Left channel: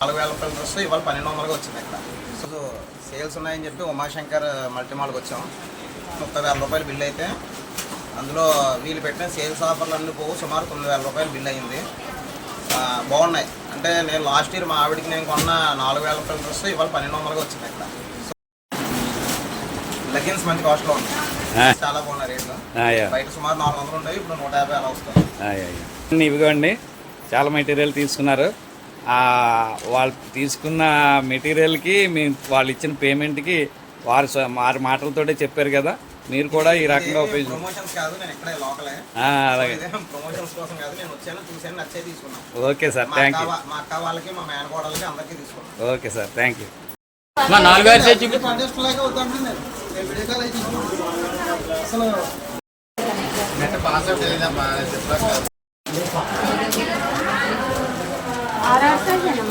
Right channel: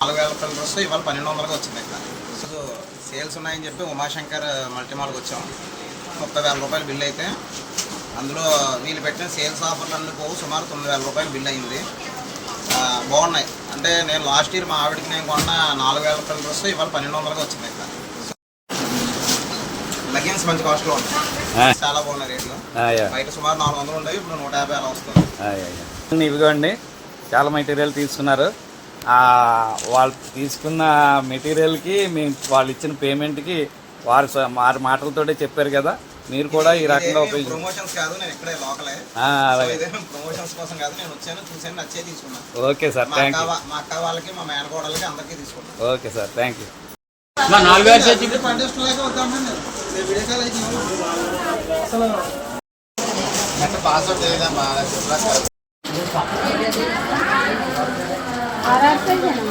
నాలుగు వేల రూపాయల డ్రెస్ ఇవాళ పన్నెండు వందలుగా వచ్చింది ఇక్కడ సో సేల్స్ ఉన్నాయని చెప్పి ఉమాశంకర్ మల్టీమాల్కి వచ్చాం. ముప్పై వేల రూపాయలు బిల్ అయితే అందులో వీళ్ళు పెట్టిన సేల్స్ ఆఫర్లు అన్నీ పోవు సుమారు తొమ్మిది వేల రూపాయలు బిల్ అయింది. బాగున్నాయి. అంటే నేను లాస్ట్ ఇయర్ మా ఆవిడకి నేను కొన్న నాలుగు వేల రూపాయల డ్రెస్ ఇవాళ పన్నెండు వందలుగా వచ్చింది ఇక్కడ లెగిన్స్ మంచి కాస్ట్లో ఉన్నాయి. చాలా బాగున్నాయి రేట్లు. బయట సుమారు నాలుగు వందలు ఉండేవి ఇప్పుడు నూట యాభై అలా వస్తుంది. ఆ, యా, యా. ఇవిగోండి చాలా మెటీరియల్ తీసుకున్నారు. వాళ్ళు తీసుకున్న మెటీరియల్కి మేము వాళ్ళు ఇచ్చిన పేమెంట్కి వారు స- వారి మాటలతోటే చెప్పారు కదా. మీరు కూడా ఈ రకంగా ఉపయోగించు ప్రమోషన్స్ కాదు నేను ఇక్కడే లోకలే ఆ, అలాగే. ప్రమోషన్స్ కోసం కాదు నేను వచ్చాను చూసాను నచ్చే తీసుకున్నాను. ఓకే సార్ మా థ్యాంక్ యూ వా- మా అక్క వాళ్ళకి మా మేనకోడలకి అందరికీ